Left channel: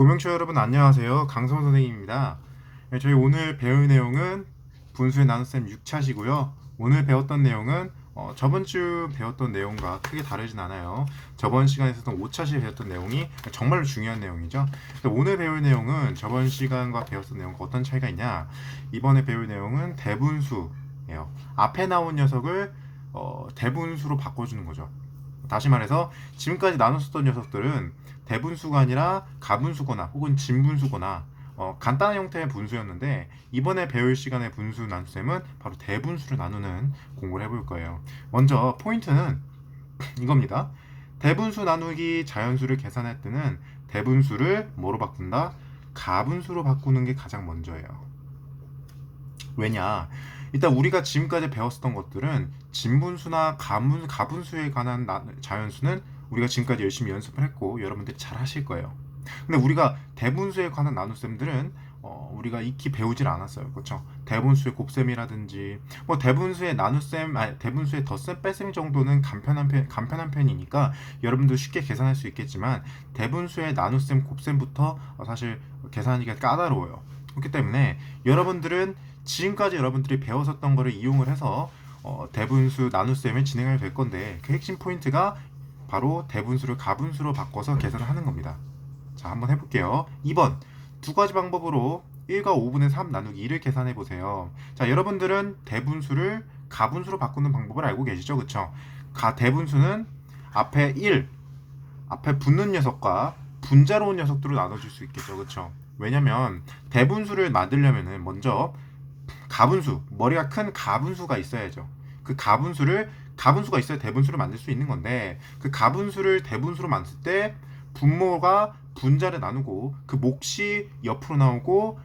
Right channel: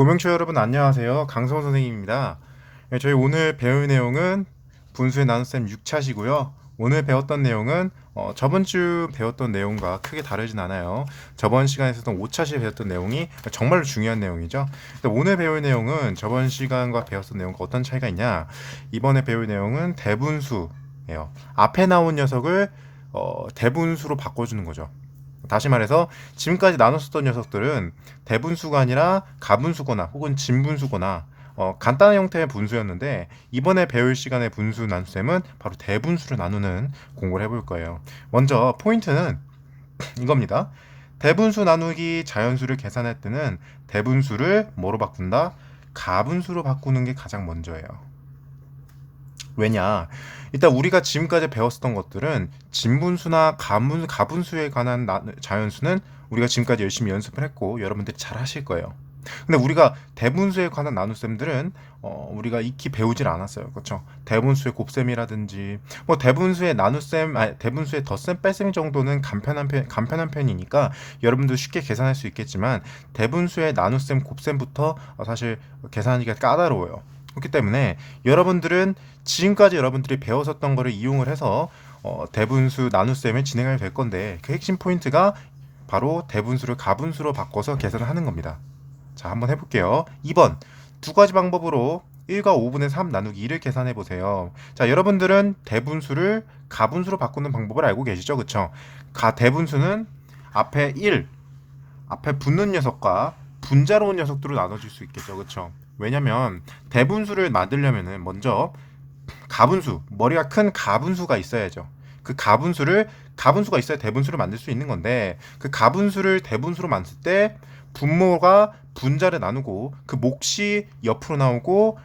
고명초 여러분 안녕하세요. 강성 선생님입니다. 네, 저희 오늘 배울 내용은 분수의 나눗셈 6차시고요. 오늘 배웠던 내용은 저번 주 배웠던 내용과 크게 다르진 않아요. 저번 시간에 있었던 5차시에 배웠던 내용이 정말로 중요한 내용이죠. 근데 오늘 배울 내용은 저번 시간과 배웠던 내용과 어떤 차이가 있냐? 이번에 배울 내용은 대분수예요. 앞에 나온 녀석을 대분수로 바꿔주는 거죠. 다시 말해서 지금까지 나눴었던 녀석들은 대분수가 아니라 가분수거나 혹은 진분수거나 간단한 형태의 분수였는데 이번에 배울 시간의 분수 나눗셈은 바로 대분수로 나누는 공부를 해볼 거예요. 먼저 포인트는 이겁니다. 대분수 나누기 자연수를 계산할 때는 대분수를 뭐로 바꾼다? 가분수로 바꾸는 게 가장 먼저예요. 왜냐? 일단 우리가 지금까지 배웠었던 것들은 진분수나 가분수에 관한 자연수는 우리가 지금까지 열심히 연습을 했고 여러분들이 잘 하실 거예요. 근데 우리가 대분수에 관한 나눗셈들은 우리가 익히 배우질 않았어요. 그렇죠? 대분수의 곱셈이라든지 뭐 대분수의 나눗셈, 아니, 대분수의 덧셈, 뺄셈 정도는 간편한 편이니까 여러분도 쉽게 계산할 수 있겠지만 대분수의 나눗셈, 곱셈부터 사실 계산하기가 까다로워요. 그렇기 때문에 여러분들은 지금까지 여러분들이 배웠었던 거를 이용을 해서 대분수 나눗셈을 진행하게 될 건데 그 핵심 포인트가 바로 대분수를 가분수로 바꿔서 계산을 하는 겁니다. 자, 한번 해볼게요. 2번 두 가지 방법으로 1과 5분의 3 나누기 2를 계산해 보세요. 자, 여러분들은 대분수를 가분수로 바꾸는 방법을 알고 계시죠? 그쵸? 대분수는 앞에 1, 앞에 붙는 녀석과 분자로 온 녀석들을 나눠줄 수 있겠죠. 그쵸? 왜냐면 대분수를 만들려면은 먼저 가분수, 머리가 큰 가분수가 있어야죠. 그 가분수가 있어야 대분수를 만들 수 있는 건데 그 가분수를 대분수로 만들 때 분모가 분자를 나누고 그 몫이 옆으로 나오고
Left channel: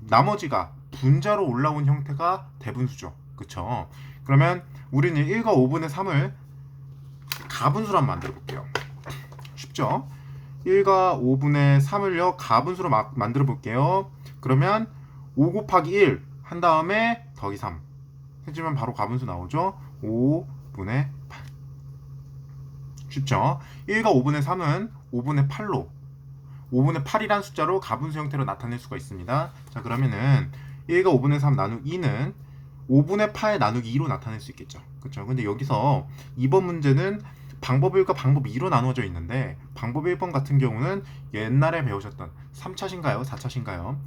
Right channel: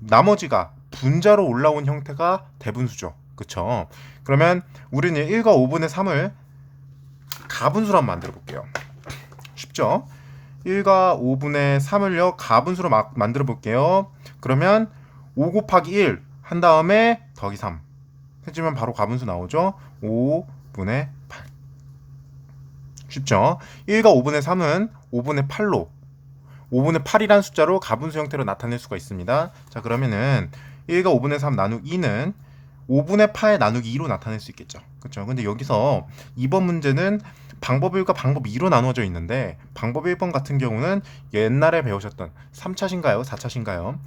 나머지가 분자로 올라온 형태가 대분수죠. 그쵸? 그러면 우리는 1과 5분의 3을 가분수로 한번 만들어 볼게요. 쉽죠? 1과 5분의 3을요 가분수로 만들어 볼게요. 그러면 5 곱하기 1 한 다음에 더하기 3 해주면 바로 가분수 나오죠. 5분의 8. 쉽죠? 1과 5분의 3은 5분의 8로 5분의 8이란 숫자로 가분수 형태로 나타낼 수가 있습니다. 자, 그러면은 1과 5분의 3 나누기 2는 5분의 8 나누기 2로 나타낼 수 있겠죠. 그렇죠? 근데 여기서 이번 문제는 방법 1과 방법 2로 나누어져 있는데 방법 1번 같은 경우는 옛날에 배우셨던 3차신가요? 4차신가요?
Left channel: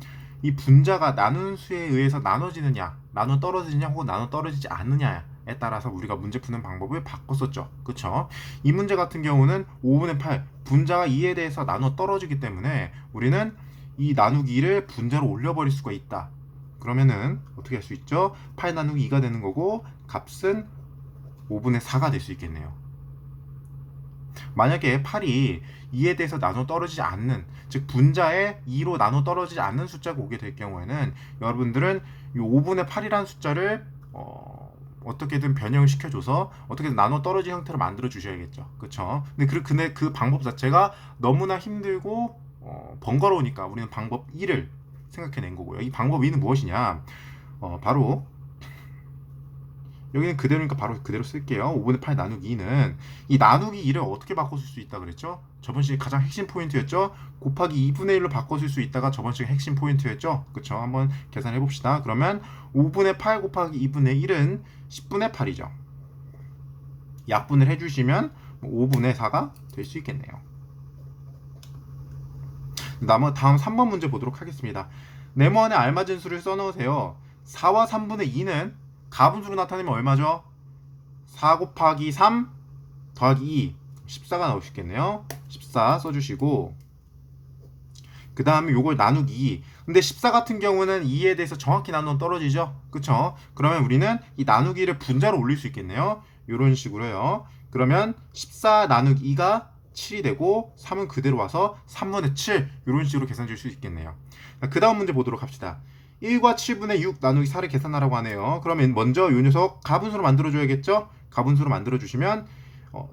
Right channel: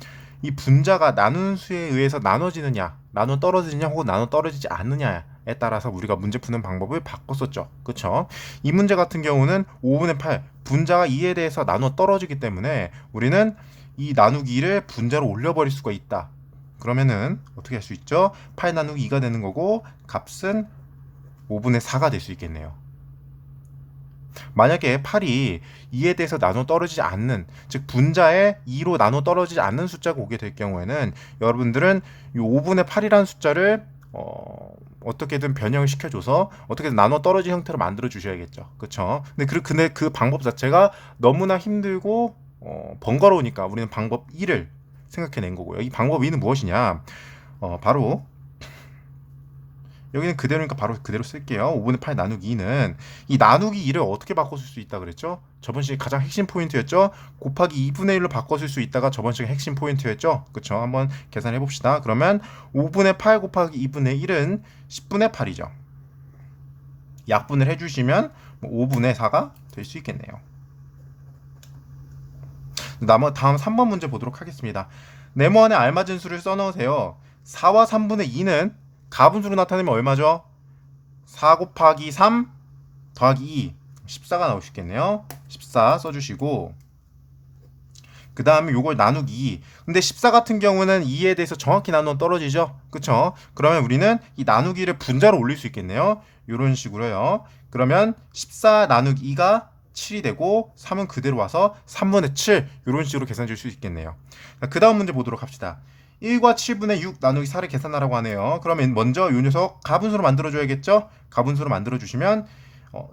이 분자가 나눈 수에 의해서 나눠지느냐, 나눠 떨어지느냐 혹은 나눠 떨어지지 않느냐에 따라서 우리가 문제 푸는 방법을 바꿨었죠. 그쵸? 이 문제 같은 경우는 5분의 8, 분자가 2에 대해서 나눠 떨어지기 때문에 우리는 이 나누기 2를 분자로 올려버릴 수가 있다. 그러면은 어떻게 할 수 있죠? 8 나누기 2가 되는 거고 값은 5분의 4가 될 수 있겠네요. 만약에 8이 2에 대해서 나눠 떨어지지 않는, 즉 분자에 2로 나눠 떨어지지 않는 숫자가 오게 될 경우에는 여러분들은 이 5분의 8이라는 숫자를 어떻게든 변형을 시켜줘서 어떻게든 나눠 떨어진 형태로 만들어 주셔야겠죠. 그렇죠? 근데 그 방법 자체가 너무나 힘들고 번거로우니까 우리는 방법 2를 생각해낸 거고요. 이 방법 2는 무엇이냐? 바로 여기는 그대로니까 바로 그대로 쓸게요. 5분의 8 나누기 2는 이 나누기 2를 어떻게 바꿔 쓸 수 있다 그랬죠? 저번 시간에 가장 핵심 포인트였죠? 곱하기 2분의 1로 바꿔 쓸 수 있다가 저번 시간에 핵심 포인트였죠? 그쵸? 한번 계산해 봅시다. 그러면 5분의 8 곱하기 2분의 1은 10분의 8이죠. 약분을 해주시면 5분의 4가 될 수 있겠네요. 다음 3번 문제 보도록 하겠습니다. 네모안에 알맞은 수를 써넣으세요. 4와 3분의 2는 가분수로 나타내면 얼마죠? 4 곱하기 3 더하기 2 14가 나오시겠네요. 14 써주시고 그 다음에 요걸 나누기 2. 근데 14 같은 경우는 2에 대해서 정확히 나누면 떨어지죠. 그쵸? 그러면 우리는 이 나누기를 분자로 올릴 수 있겠네요. 요런 식으로요. 그러면 14 나누기 2가 7이 되고 3은 그대로 와서 3분의 7 이런 식으로 계산 줄 수 있겠네요. 그 다음 문제 보도록 합시다. 1과 7분의 6 나누기 4를 계산하라고 하네요. 그러면 먼저 이 녀석 가분수로 만들어줘야겠죠? 가분수로 만들어주시면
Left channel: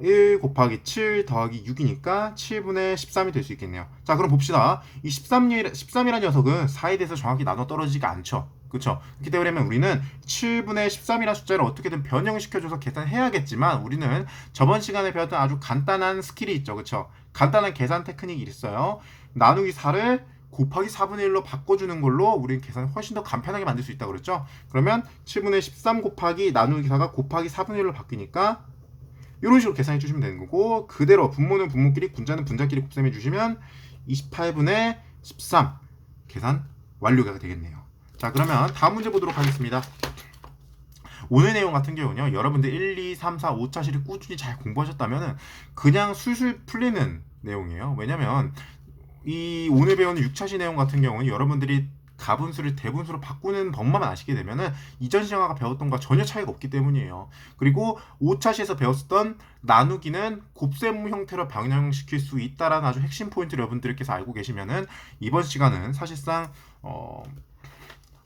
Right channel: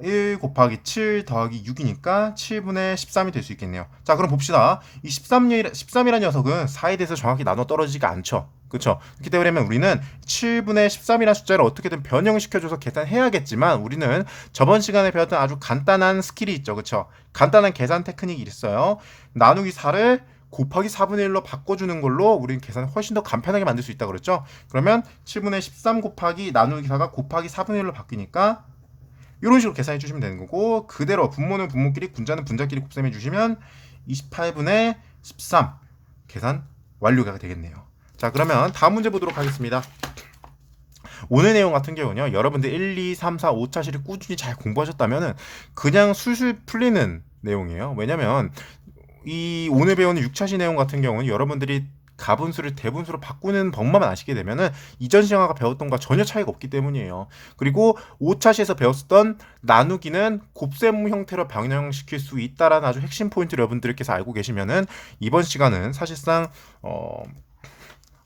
1 곱하기 7 더하기 6이니까 7분의 13이 될 수 있겠네요. 자, 그럼 봅시다. 이 13이라는 녀석은 4에 대해서 정확히 나눠 떨어지지가 않죠. 그렇죠? 그렇기 때문에 우리는 7분의 13이라는 숫자를 어떻게든 변형을 시켜줘서 계산해야겠지만 우리는 저번 시간에 배웠던 아주 간단한 스킬이 있죠. 그렇죠? 간단한 계산 테크닉이 있어요. 나누기 4를 곱하기 4분의 1로 바꿔주는 걸로 우리는 계산을 훨씬 더 간편하게 만들 수 있다 그랬죠? 그러면 7분의 13 곱하기 나누기 4가 곱하기 4분의 1로 바뀌니까 이런 식으로 계산해 주시면 되는 거고, 그대로 분모는 분모끼리 분자는 분자끼리 곱셈해 주시면 28분의 13 계산 완료가 되겠네요. 자, 그러면 다음 문제 보도록 하겠습니다. 오늘 내용 같은 경우는요, 여러분들 1, 2, 3, 4, 5차시를 꾸준히 잘 공부하셨다면 그냥 술술 풀리는 내용이에요. 왜냐면 이 오늘 배우는 6차시 내용 같은 경우는 여러분들이 가분수를 대분수로 바꾸는 법만 아시게 되면은 이전 시간과 배웠던 것과 전혀 차이가 없기 때문이에요. 그리고 5차시에서 배웠었던 나누기는 곱셈 형태로 변형시킬 수 있다라는 아주 핵심 포인트를 여러분들께서 알고 계시면은 이번 시간은 사실상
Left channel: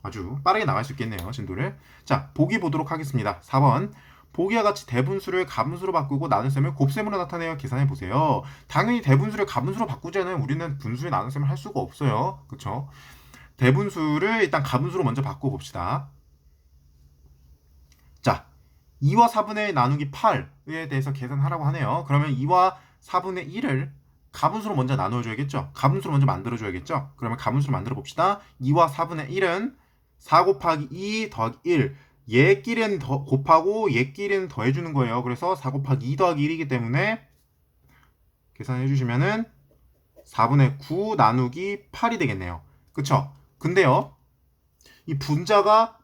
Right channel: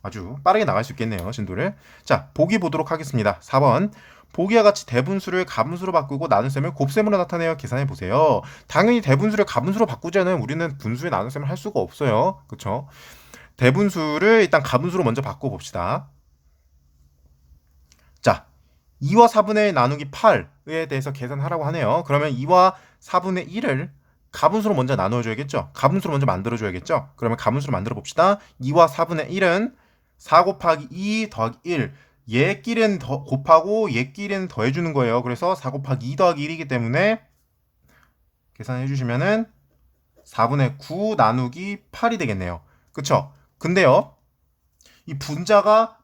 아주 빠르게 나갈 수 있겠네요. 진도를. 자, 보기 보도록 하겠습니다. 4번. 보기와 같이 대분수를 가분수로 바꾸고 나눗셈을 곱셈으로 나타내어 계산해 보세요. 당연히 대분수를 가분수로 바꾸지 않으면 우리는 분수의 나눗셈을 할 수가 없어요. 그렇죠? 대분수를 일단 가분수로 먼저 바꿔 봅시다. 자, 2와 4분의 1 나누기 8에 대해서 계산하라고 하네요. 그러면 2와 4분의 1을 가분수로 먼저 나눠줘야겠죠? 가분수로 먼저 만들어줘야겠죠? 그러면 가분수로 만들어 봅시다. 2와 4분의 1은 4 곱하기 2 더하기 1. 얘끼리는 곱하고 얘끼리는 더해주는 거예요. 그래서 4 곱하기 2 더하기 1이기 때문에 계산해 주시면은 4분의 9 나누기 8이 되겠네요. 그쵸? 근데요, 이 분자가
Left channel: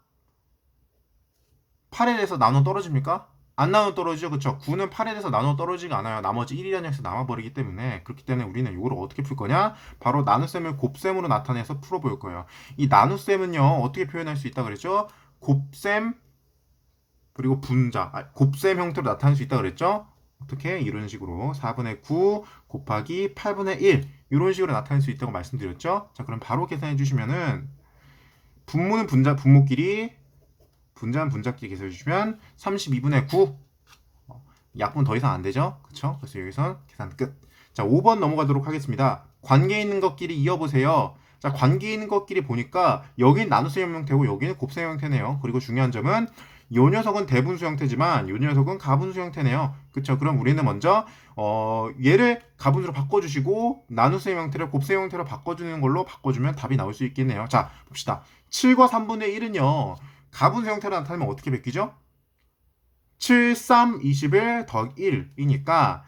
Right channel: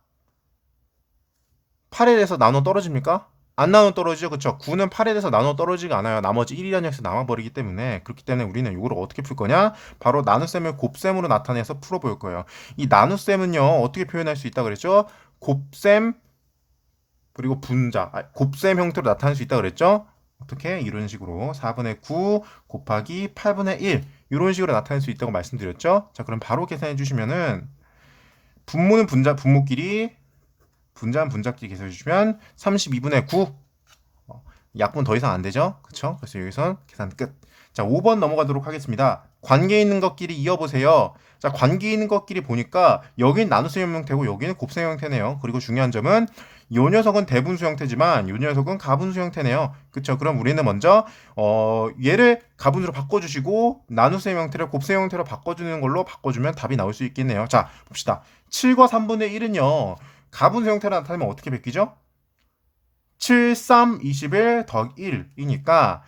8에 대해서 나눠 떨어집니까? 안 나눠 떨어지죠. 그쵸? 9는 8에 대해서 나눠 떨어지지 않아요. 나머지 1이라는 녀석이 남아버리기 때문에. 그렇기 때문에 우리는 이걸 어떻게 풀 거냐? 바로 나눗셈을 곱셈으로 나타내서 풀어볼 거예요. 이 나눗셈은요, 어떻게 표현할 수 있다 그랬죠? 곱셈 그리고 분자, 곱셈 형태로 나타낼 수 있다 그랬죠? 어떻게? 이런 식으로 4분의 9 곱하기 8분의 1 이런 식으로 나타낼 수 있다고 말씀드렸죠? 자, 그럼 바로 계산해 주시면은 분모는 분자, 분모끼리 분자는 분자끼리 계산해 주시면 32분의 9 약분 더 이상 안 되죠? 그쵸? 그래서 여기선 계산 끝. 자, 5번 넘어가도록 하겠습니다. 관계 있는 것끼리 이어보세요. 자, 관계 있는 것끼리 보니까 여긴 나눗셈 형태고 여기는 곱셈 형태네요. 그리고 중요한 점은 요 녀석은 대분수 형태지만 요 녀석은 가분수 형태네요. 그쵸? 그럼 우리는 먼저 얘를 가분수로 바꿔주시고 나눗셈 형태를 곱셈 형태로 바꿔주는 걸로 바꿔주면 답이 나올 수 있겠네요. 자, 봅시다. 7과 3분의 1은요. 가분수 형태로 나타내면 어떻게 바뀌죠? 7, 3, 21 더하기 1이니까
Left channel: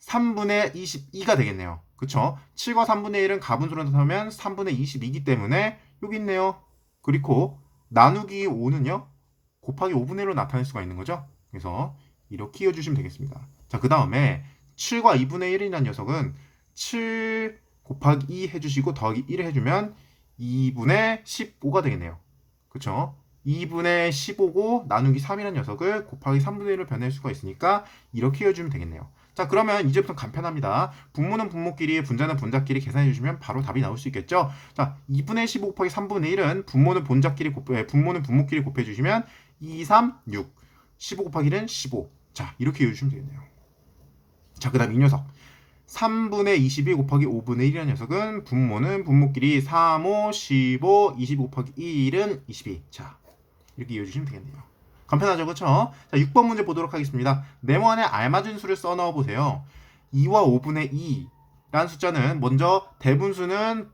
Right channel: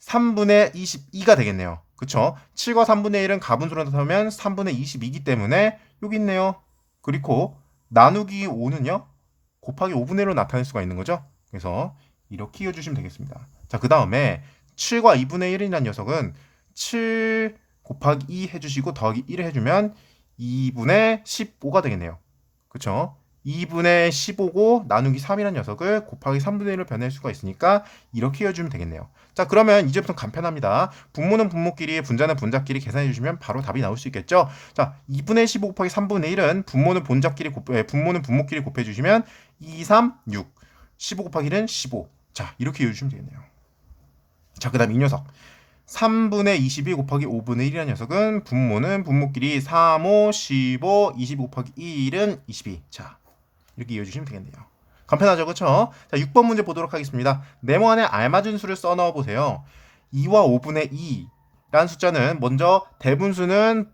3분의 22가 되겠네요. 그쵸? 7과 3분의 1은 가분수로 나타내면 3분의 22이기 때문에 여기 있네요. 그리고 나누기 5는요. 곱하기 5분의 1로 나타낼 수가 있는 거죠. 그래서 이렇게 이어주시면 되겠습니다. 자, 그 다음에 7과 2분의 1이라는 녀석은 7 곱하기 2 해주시고 더하기 1을 해주면 2분의 15가 되겠네요. 그쵸? 2분의 15고 나누기 3이라는 녀석을 곱하기 3분의 1로 변할 수가 있으니까 이렇게 이어주면 되겠네요. 자, 그러면 이제부터 간편합니다. 분모는 분모끼리, 분자는 분자끼리 계산해 주시면 바로 답이 나올 수 있겠죠. 자, 2분의 15 곱하기 3분의 1은 분모는 분모는 분모끼리 곱해 주시면 2, 3, 6. 15 곱하기 1은 15. 자, 이렇게 이어주시면 되겠네요. 자, 그 다음 이 녀석. 3분의 22 곱하기 5분의 1이라는 녀석은 분모는 분모끼리 3, 5, 15, 25 곱하기 1은 22. 자, 이렇게 이어주시면 되겠네요. 간편하죠, 그렇죠? 자, 6번 문제 보도록 하겠습니다. 네모안에 알맞은 수를 써 넣어 보세요. 2와 5분의 2라는 숫자는 먼저 대분수는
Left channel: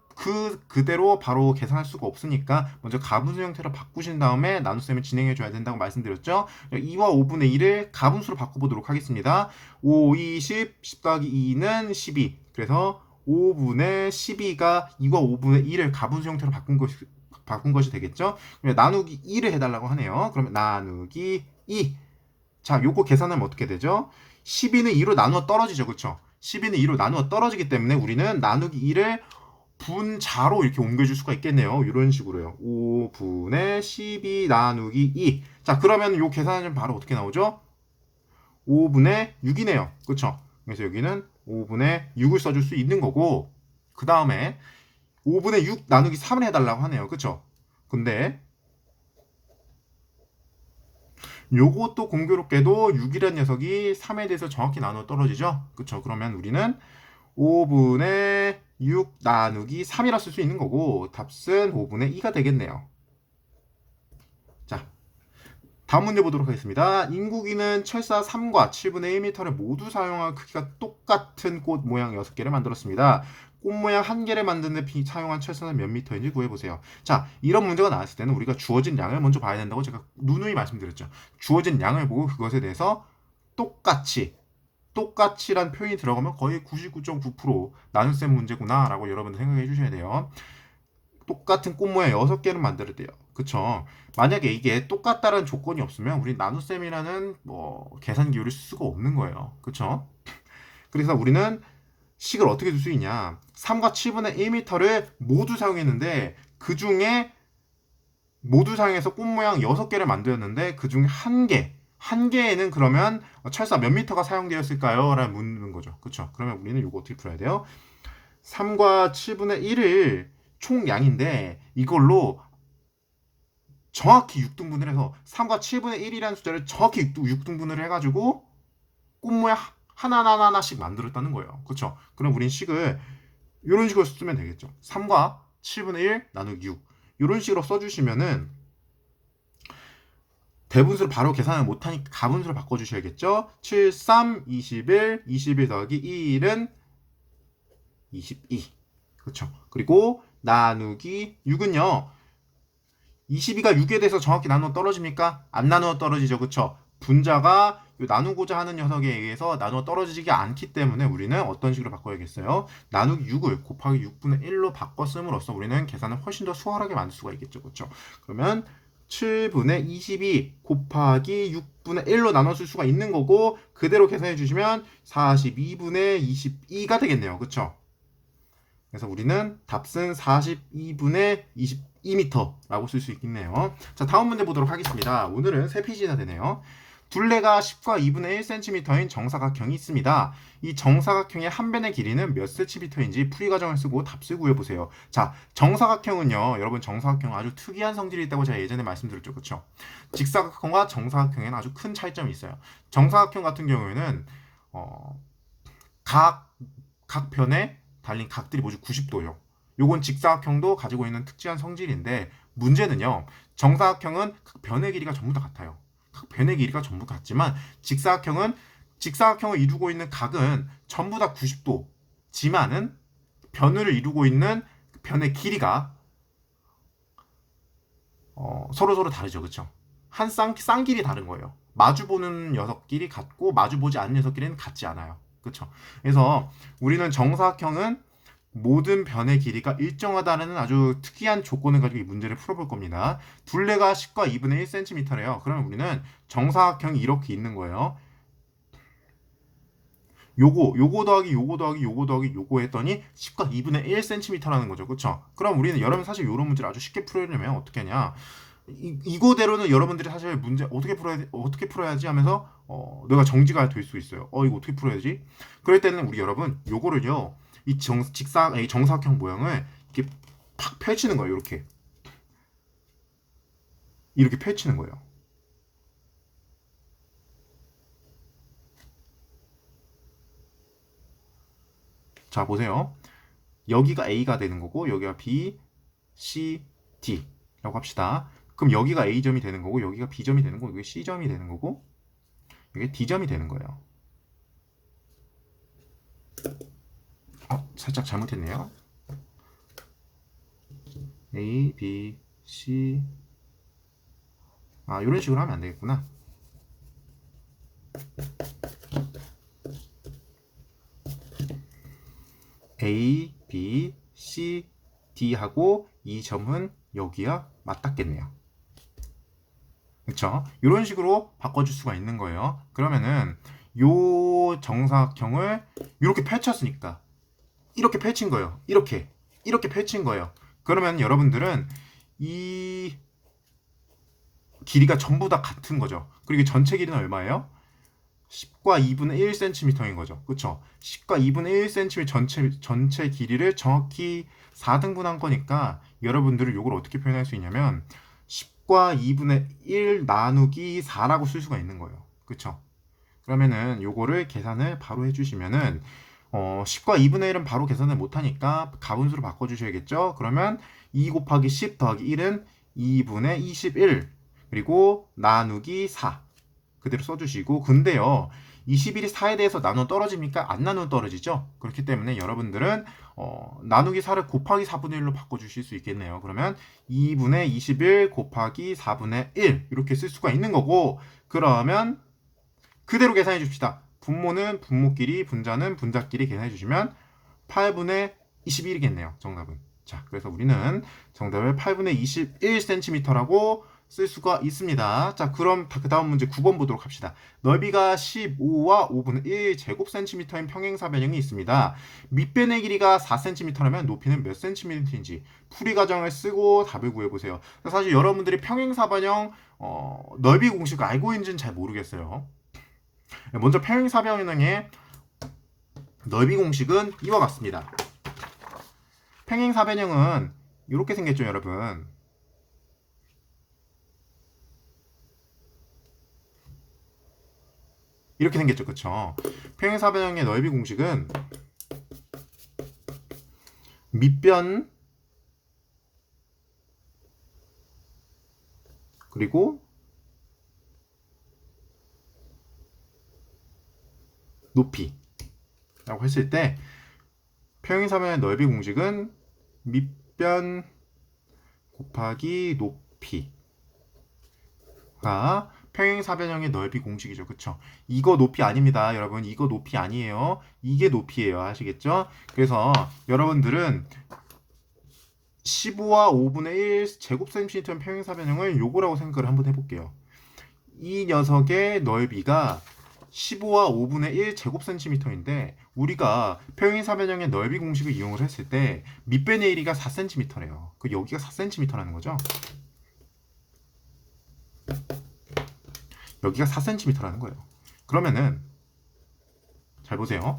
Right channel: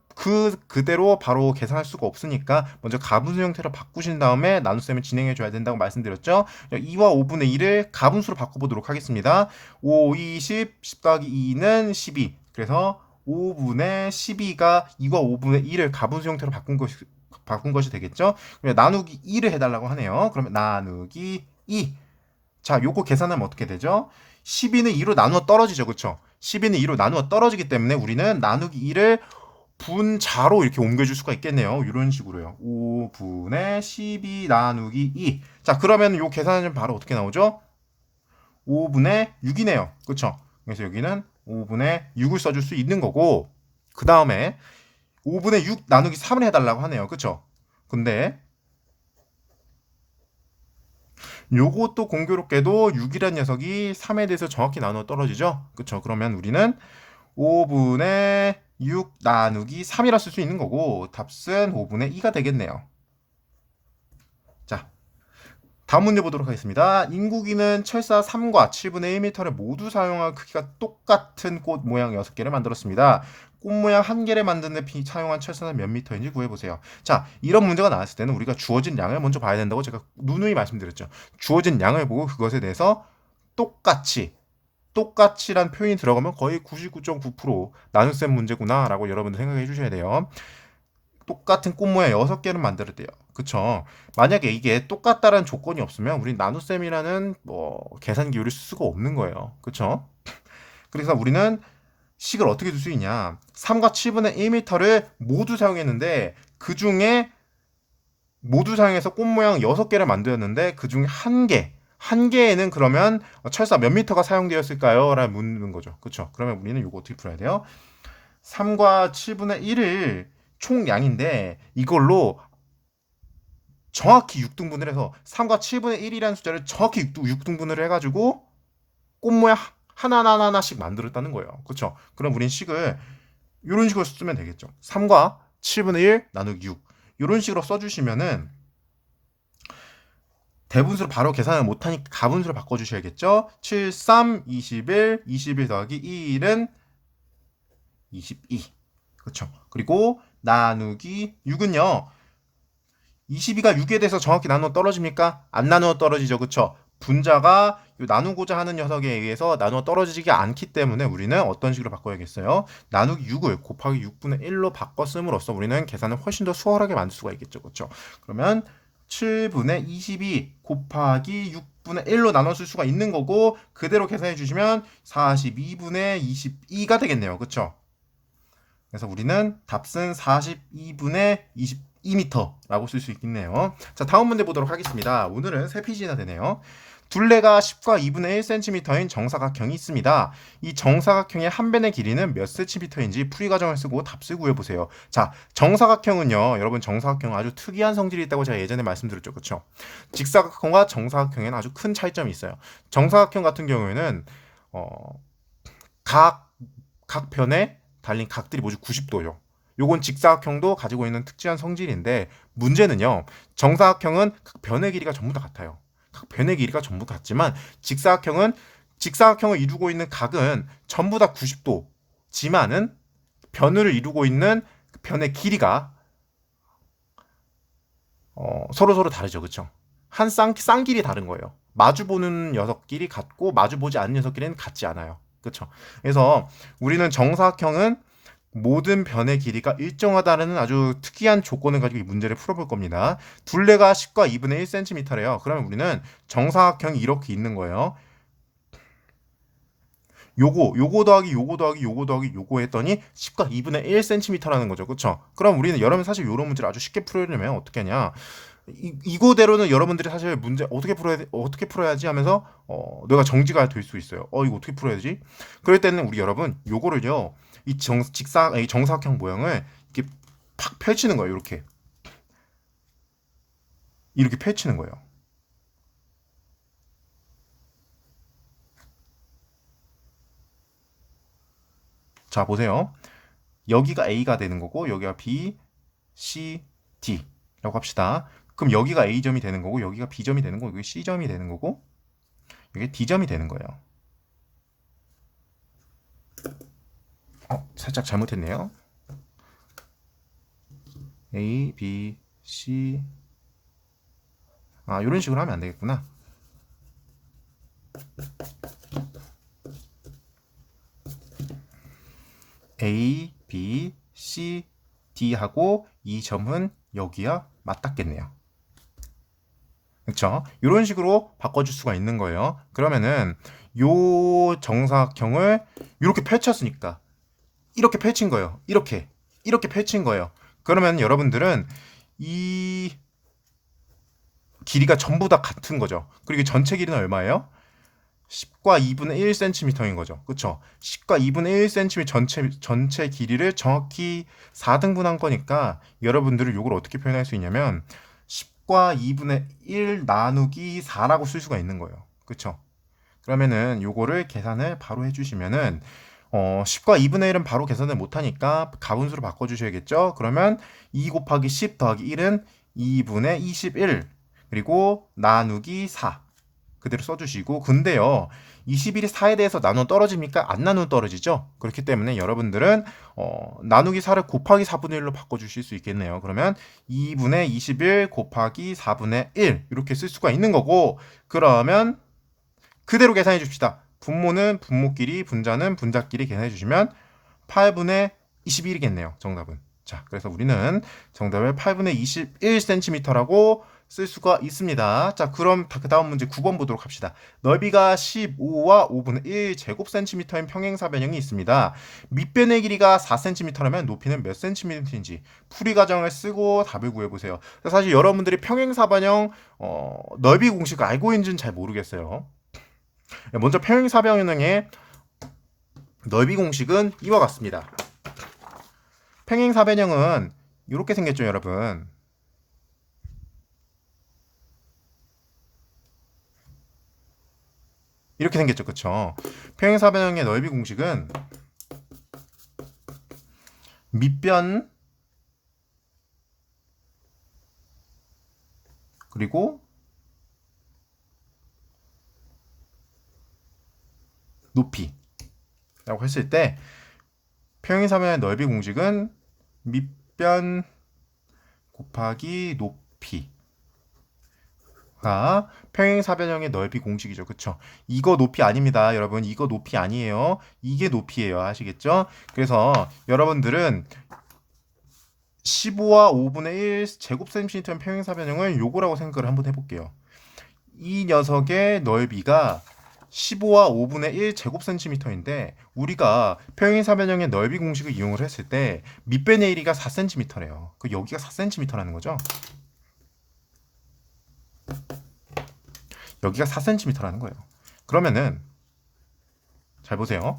그대로 바로 계산할 수가 없으니까 먼저 가분수 형태로 바꾸신 다음에 나눗셈을 진행해 줘야 된다고 말씀드렸죠. 2와 5분의 2를 가분수로 바꿔보도록 하겠습니다. 5, 20, 10 더하기 2는 12. 그래서 5분의 12가 2와 5분의 2를 가분수 형태로 바꾼 것이 되겠죠. 나누기 2를 해달라고 하네요. 그러면 나누기 2. 자, 요거 계산하면 어떻게 되죠? 12는 2로 나누어 떨어지죠. 그쵸? 12는 2로 나누어 떨어지기 때문에 우리는 나누기 2를 분자로 이렇게 옮겨줄 수가 있겠네요. 이런 식으로요. 5분의 12 나누기 2. 자, 그러면 요 계산은 바로 어떻게 나오죠? 5분의 6이네요. 그쵸? 그래서 여기는 5분의 6을 써줄 수 있는 거고, 그 다음에 5분의 6 나누기 3을 해달라고 하네요. 그쵸? 근데 요것도 공교롭게도 6이라는 녀석이 3에 대해서 정확히 나누어 떨어지죠? 그쵸? 그러면 우리는 5분의 6 나누기 3이라 쓸 수 있는 거고 답은 5분의 2가 되겠네요. 자, 다음 문제 보도록 하겠습니다. 인국이는 철사 3과 7분의 1m를 모두 사용한 크기가 똑같은 꽃 모양 6개를 만들었습니다. 꽃 모양 한 개를 만드는 데 사용한 철사는 몇 미터인지 구해보세요. 자, 이런 문제가 나왔을 때는 우리가 주어진 양을 먼저 봐야 된다고 제가 누누이 말씀드렸죠. 주어진 양을 보고 그것에 대해서 똑같이란 표현이 들어가면 거의 99.9% 나눗셈 문제구나라고 여러분들 생각해 주셔야 돼요. 똑같은 꽃 모양 6개를 만들어야 돼요. 그쵸? 만약에 이게 똑같다는 조건이 없으면 우리 나눗셈이라는 계산 기호를 쓸 수가 없는 거예요. 그쵸? 그래서 우리는 식을 어떻게 줄 수 있냐? 3과 7분의 1m를 모두 사용했는데 그 중에 모두 사용해서 꽃 모양 6개를 만들었는데 그 중에 한 개에는 그러면 철사 몇 미터가 사용되었을까요? 라는 묻는 거죠. 그쵸? 그러면 우리는 이거 어떻게 풀어야 돼요? 3과 7분의 1을 총량인데 이걸로 정확히 6등분을 해서 3과 7분의 1이라는 숫자를 정확히 6등분을 해가지고 꽃 모양 하나씩 만들었다는 거예요. 그렇죠? 그럼 우린 식을 이런 식으로 쓰면 되겠죠. 3과 7분의 1 나누기 6 이런 식으로 써주시면은 대분수를 바로 계산을 못하니까 가분수로 바꿔주셔야겠죠. 7, 3, 21, 21 더하기 1은 22. 그렇죠? 그리고 나누기 6은요. 22가 6에 대해서 정확히 나누어 떨어집니까? 안 나누어 떨어지죠. 그쵸? 분자가 나누고자 하는 녀석에 의해서 나누어 떨어지지 않기 때문에 우리는 어떤 식으로 바꿔야겠어요? 나누기 6을 곱하기 6분의 1로 바꿨음으로써 우리는 계산을 훨씬 더 수월하게 만들 수가 있겠죠. 그쵸? 그러면 7분의 22 곱하기 6분의 1로 나눠줄 수가 있는 거고 그대로 계산해 주시면 42분의 22가 되겠네요. 그쵸? 그래서 우리는 답은 42분의 22m라고 쓸 수 있겠네요. 자, 다음 문제 보도록 하겠습니다. 오늘은 3페이지나 되네요. 둘레가 10과 2분의 1cm인 정사각형이 있습니다. 이 정사각형의 한 변의 길이는 몇 cm인지 풀이 과정을 쓰고 답을 구해보세요. 자, 정사각형은요. 여러분 정사각형은 아주 특이한 성질이 있다고 제가 예전에 말씀드렸죠. 그렇죠? 직사각형과 정사각형에는 아주 큰 차이점이 있어요. 정사각형 같은 경우에는 각 변에 달린 각들이 모두 90도요. 요건 직사각형도 가지고 있는 특징한 성질인데 문제는요. 정사각형은 각 변의 길이가 전부 다 같아요. 각 변의 길이가 전부 같지만 직사각형을 이루고 있는 각은 전부 다 90도지만은 변을 이루고 있는 변의 길이가 서로 다르죠. 그렇죠? 한 쌍길이 다른 거예요. 마주보는 녀석끼리 같고 마주보지 않는 녀석끼리는 같지 않아요. 그렇죠? 그래서 우리는 정사각형은 모든 변의 길이가 일정하다는 아주 특이한 조건을 가지고 이 문제를 풀어볼 겁니다. 둘레가 10과 2분의 1cm래요. 그러면 우리는 정사각형이 이렇게 있는 거예요. 요거 더하기 요거 더하기 요거 더하기 요거 했더니 10과 2분의 1cm라는 거죠. 그렇죠? 그럼 우리는 여러분 사실 이런 문제를 아주 쉽게 풀으려면 어떻게 하냐? 이거대로는 여러분들이 사실 문제 어떻게 풀어야지 하면서 내가 정지가 될 수 있어요. 이거 어떻게 풀어야지? 그럴 때는 우리 여러분 요거를요. 이 정사각형 모양을 이렇게 팍 펼치는 거예요. 이렇게 펼치는 거예요. 자, 보세요. 여기가 A가 되는 거고 여기가 B, C, D라고 합시다. 그럼 여기가 A점이 되는 거고 여기가 B점이 되는 거고 여기 C점이 되는 거고 여기 D점이 되는 거예요. 살짝 잘못했네요. A, B, C 이런 식으로 하면 안 되겠구나. A, B, C, D 하고 이 점은 여기와 맞닿겠네요. 그렇죠? 이런 식으로 바꿔줄 수가 있는 거예요. 그러면은 요 정사각형을 이렇게 펼쳤으니까 이렇게 펼친 거예요. 이렇게 펼친 거예요. 그러면 여러분들은 이 길이가 전부 다 같은 거죠. 그리고 전체 길이는 얼마예요? 10과 2분의 1cm인 거죠. 그렇죠? 10과 2분의 1cm 전체 길이를 정확히 4등분한 거니까 여러분들은 이걸 어떻게 표현할 수 있냐면 10과 2분의 1 나누기 4라고 쓸 수가 있는 거예요. 그렇죠? 그러면은 요거를 계산을 바로 해주시면은 10과 2분의 1은 바로 계산을 못하니까 가분수로 바꿔주셔야겠죠? 그러면 2 곱하기 10 더하기 1은 2분의 21 그리고 나누기 4 그대로 써주시고 근데요 21이 4에 대해서 나누어 떨어집니까? 안 나누어 떨어지죠? 그렇기 때문에 여러분들은 나누기 4를 곱하기 4분의 1로 바꿔주실 수 있겠네요. 그러면 2분의 21 곱하기 4분의 1 이렇게 쓸 수가 있는 거고, 그러면 그대로 계산해 줍시다. 분모는 분모끼리, 분자는 분자끼리 계산해 주시면 8분의 21이겠네요. 정답은. 자, 그래서 우리는 정답을 8분의 21cm라고 쓸 수가 있습니다. 자, 그럼 그 다음 문제 9번 보도록 합시다. 넓이가 15와 5분의 1 제곱센티미터인 평행사변형이 있습니다. 밑변의 길이가 4cm라면 높이는 몇 cm인지 풀이 과정을 쓰고 답을 구해보세요. 사실 여러분들이 평행사변형 넓이 공식 알고 있는지는 잘 모르겠어요. 먼저 평행사변형의 넓이 공식은 이와 같습니다. 평행사변형은 이렇게 생겼죠, 여러분. 이렇게 생겼죠, 그쵸? 평행사변형의 넓이 공식은 밑변 그리고 높이라고 했을 때 평행사변형의 넓이 공식은 밑변 곱하기 높이가 평행사변형의 넓이 공식이죠. 그쵸? 이거 높이 아닙니다. 여러분, 이거 높이 아니에요. 이게 높이에요. 아시겠죠? 그래서 여러분들은 15와 5분의 1 제곱센티미터 평행사변형을 요거라고 생각을 한번 해볼게요. 이 녀석의 넓이가 15와 5분의 1 제곱센티미터인데 우리가 평행사변형의 넓이 공식을 이용을 했을 때 밑변의 1이가 4cm래요. 그 여기가 4cm라는 거죠. 여기가 4cm라는 거예요. 그러면은 잘 보세요.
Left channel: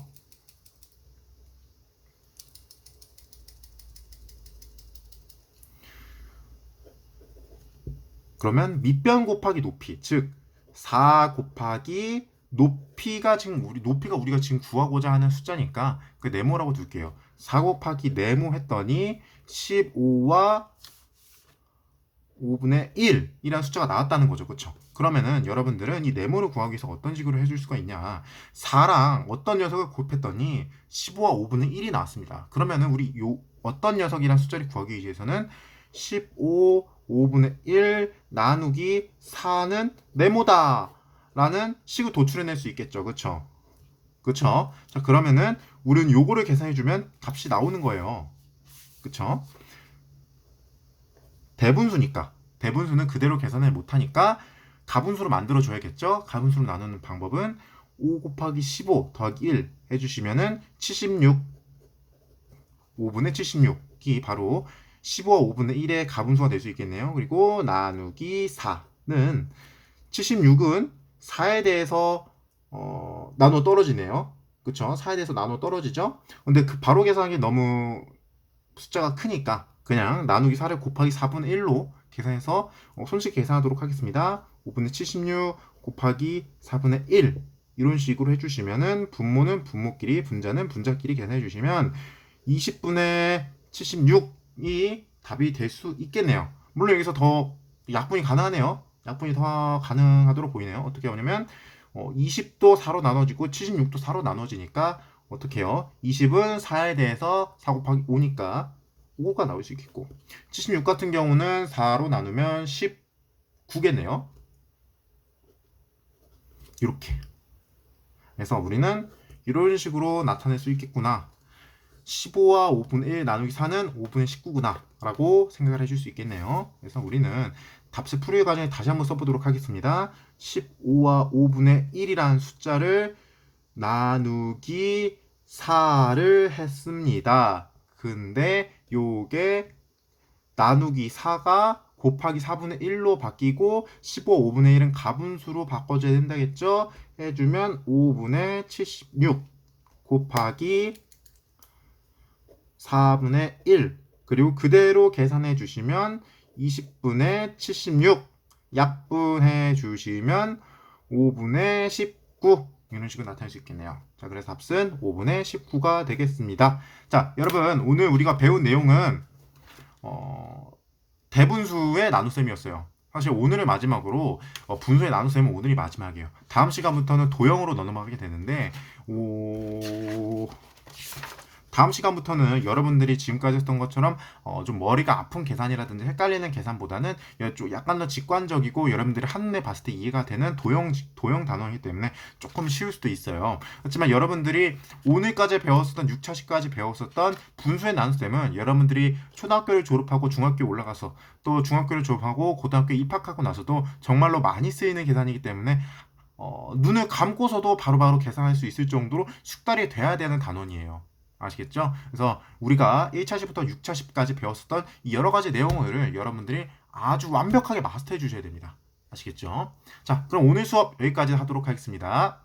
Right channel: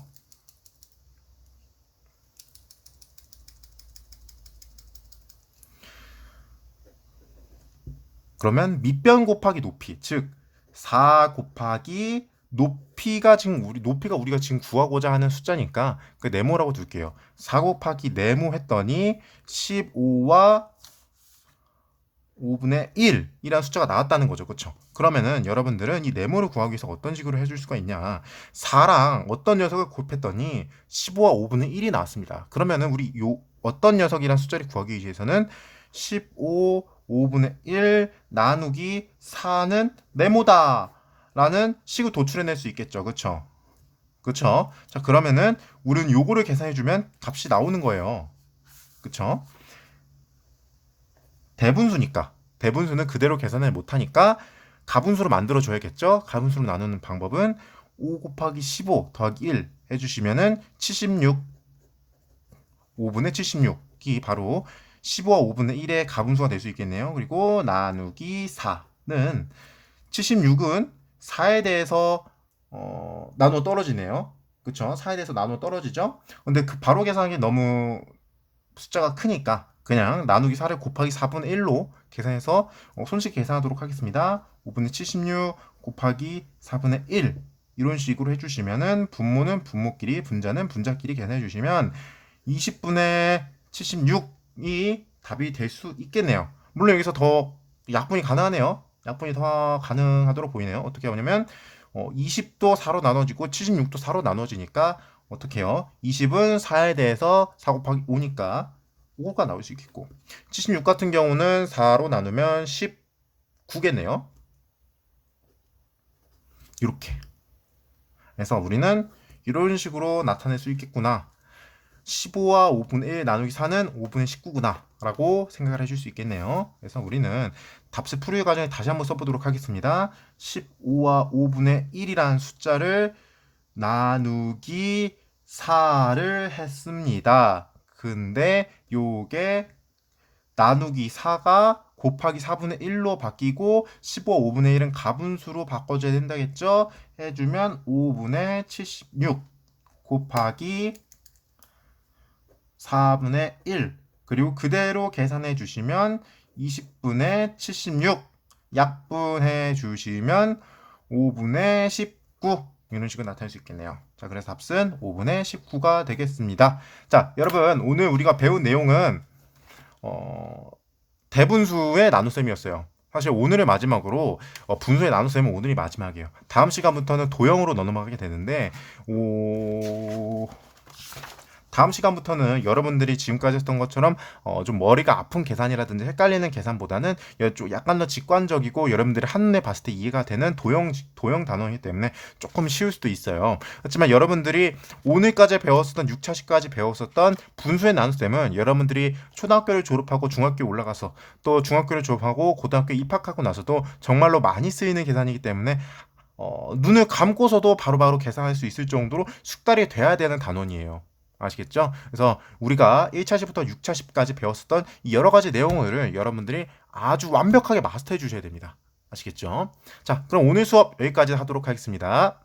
그러면 밑변 곱하기 높이, 즉 4 곱하기 높이가 우리가 지금 구하고자 하는 숫자니까 그 네모라고 둘게요. 4 곱하기 네모 했더니 15와 5분의 1이라는 숫자가 나왔다는 거죠. 그렇죠? 그러면은 여러분들은 이 네모를 구하기 위해서 어떤 식으로 해줄 수가 있냐? 4랑 어떤 녀석을 곱했더니 15와 5분의 1이 나왔습니다. 그러면은 우리 요 어떤 녀석이란 숫자를 구하기 위해서는 15, 5분의 1 나누기 4는 네모다 라는 식을 도출해낼 수 있겠죠. 그쵸? 그쵸? 자, 그러면은 우리는 요거를 계산해주면 값이 나오는 거예요. 그쵸? 대분수니까. 대분수는 그대로 계산을 못하니까 가분수로 만들어줘야겠죠? 가분수로 나누는 방법은 5 곱하기 15 더하기 1 해주시면은 76, 5분의 76이 바로 15와 5분의 1의 가분수가 될 수 있겠네요. 그리고 나누기 4는 76은 4에 대해서 나눠 떨어지네요. 그쵸? 4에 대해서 나눠 떨어지죠? 근데 그 바로 계산하기 너무 숫자가 크니까 그냥 나누기 4를 곱하기 4분의 1로 계산해서 손쉽게 계산하도록 하겠습니다. 5분의 76 곱하기 4분의 1 이런 식으로 해주시면은 분모는 분모끼리 분자는 분자끼리 계산해 주시면 20분의 76이 답이 될 수 있겠네요. 물론 여기서 더 약분이 가능하네요. 약분이 더 가능하도록 보이네요. 어떻게 하냐면 20도 4로 나눠지고 76도 4로 나눠지니까 어떻게 해요? 20은 4에 대해서 4 곱하기 5니까 5가 나올 수 있겠고 76 같은 경우는 4로 나누면 19겠네요. 이렇게 그래서 우리는 이런 식으로 나타낼 수 있겠구나. 15와 5분의 1 나누기 4는 5분의 19구나 라고 생각을 해줄 수 있겠네요. 그래서 우리는 답수 풀이 과정에 다시 한번 써보도록 하겠습니다. 15와 5분의 1이라는 숫자를 나누기 4를 했습니다. 근데 요게 나누기 4가 곱하기 4분의 1로 바뀌고 15, 5분의 1은 가분수로 바꿔줘야 된다겠죠? 해주면 5분의 76 곱하기 4분의 1 그리고 그대로 계산해 주시면 20분의 76 약분해 주시면 5분의 19 이런 식으로 나타낼 수 있겠네요. 자, 그래서 답은 5분의 19가 되겠습니다. 자, 여러분 오늘 우리가 배운 내용은 대분수의 나눗셈이었어요. 사실 오늘의 마지막으로 분수의 나눗셈은 오늘이 마지막이에요. 다음 시간부터는 도형으로 넘어가게 되는데 오... 다음 시간부터는 여러분들이 지금까지 했던 것처럼 좀 머리가 아픈 계산이라든지 헷갈리는 계산보다는 좀 약간 더 직관적이고 여러분들이 한눈에 봤을 때 이해가 되는 도형 단어이기 때문에 조금 쉬울 수도 있어요. 그렇지만 여러분들이 오늘까지 배웠었던 6차식까지 배웠었던 분수의 나눗셈은 여러분들이 초등학교를 졸업하고 중학교 올라가서 또 중학교를 졸업하고 고등학교 입학하고 나서도 정말로 많이 쓰이는 계산이기 때문에 눈을 감고서도 바로바로 계산할 수 있을 정도로 숙달이 돼야 되는 단원이에요. 아시겠죠? 그래서 우리가 1차시부터 6차시까지 배웠었던 이 여러 가지 내용을 여러분들이 아주 완벽하게 마스터해 주셔야 됩니다. 아시겠죠? 자, 그럼 오늘 수업 여기까지 하도록 하겠습니다.